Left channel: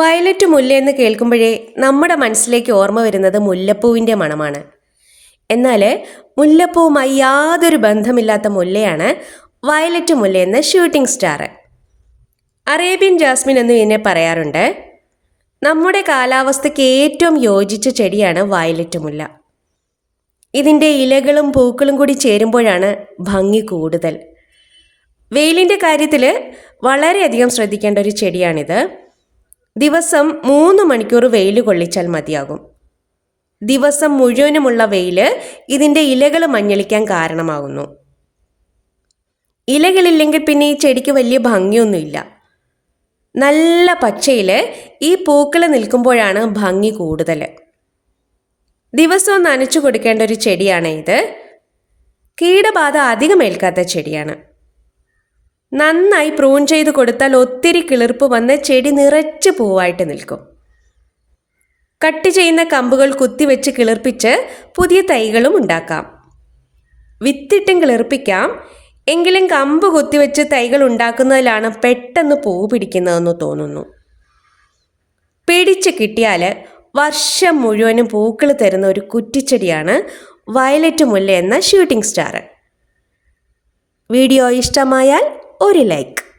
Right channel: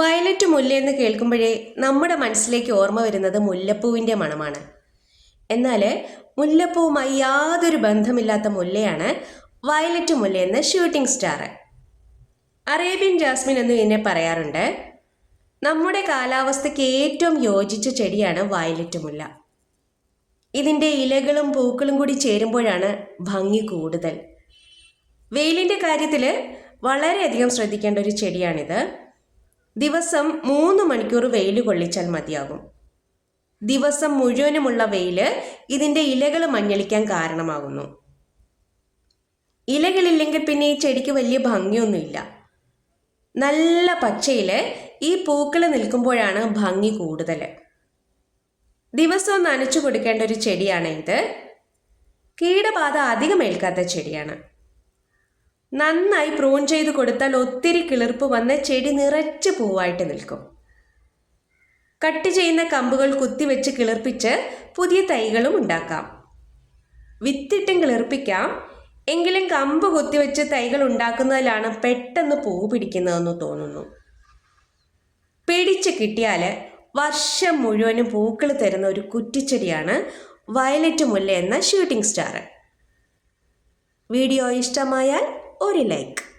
Violet മുല്ല എന്ന് കേൾക്കുമ്പോഴേ നമ്മുടെ മനസ്സിലേക്ക് ഓർമ്മ വരുന്നത് മുല്ലപ്പൂവിന്റെ മണമാണ്. എന്നാൽ മുല്ലപ്പൂവുമായി യാതൊരു ബന്ധമില്ലാത്ത മുല്ലയാണ് വയലറ്റ് മുല്ല എന്ന ഷൂട്ടിംഗ് സ്റ്റാർ അറേബ്യൻ ജാസ്മിൻ എന്ന് ഇതിനെ പറയാറുണ്ട് നമ്മുടെ കാലാവസ്ഥയ്ക്ക് ഏറ്റവും യോജിച്ച ചെടിയാണ് വയലറ്റ് മുല്ല. ഇതിന്റെ ഇലകളും പൂക്കളും കൂടി ചേരുമ്പോഴാണ് ഭംഗി കൂടുതൽ. വെയിലിന്റെ കാര്യത്തിൽ വളരെയധികം ശ്രദ്ധിക്കേണ്ട ഒരു ചെടിയാണിത്. ദിവസം മൂന്ന് മണിക്കൂർ വെയിൽ കൊള്ളിച്ചാൽ മതിയാകും. ദിവസം മുഴുവനുമുള്ള വെയിൽ ഇതിന്റെ ഇലകൾ മഞ്ഞളിക്കാൻ കാരണമാകുന്നു. ഇലകളില്ലെങ്കിൽ പിന്നെ ഈ ചെടിക്ക് വലിയ ഭംഗിയൊന്നുമില്ല. നല്ല പച്ചയിൽ ഈ പൂക്കൾ നിൽക്കുമ്പോഴാണ് ഭംഗി കൂടുതൽ ദിവസവും നനച്ചു കൊടുക്കേണ്ട ഒരു ചെടിയാണ് ഇത്. കീടബാധ അധികം ഏൽക്കാത്ത ചെടിയാണ്. നന്നായി പ്രൂൺ ചെയ്ത് കൊടുത്താൽ ഒത്തിരി കിളിർപ്പ് വന്ന് ചെടി നിറച്ച് പൂവായിട്ട് നിൽക്കും. കട്ട് ചെയ്യുന്ന കമ്പുകൾ കുത്തിവെച്ച് കിളിർപ്പിച്ച് പുതിയ തൈകളും ഉണ്ടാക്കാം. വിത്തിട്ടും കിളിർപ്പിക്കാം. എങ്കിലും കമ്പ് കുത്തിവെച്ച് തൈകൾ ഉണ്ടാക്കുന്നതിലാണ് പെട്ടെന്ന് പൂ പിടിക്കുന്നതെന്ന് തോന്നുന്നു. പിടിച്ച് കിട്ടിയാൽ വർഷം മുഴുവനും പൂക്കൾ തരുന്ന ഒരു കുറ്റിച്ചെടിയാണ് വയലറ്റ് മുല്ല എന്ന ഷൂട്ടിംഗ് സ്റ്റാർ വീഡിയോ ഇഷ്ടമായാൽ ഒരു ലൈക്ക്.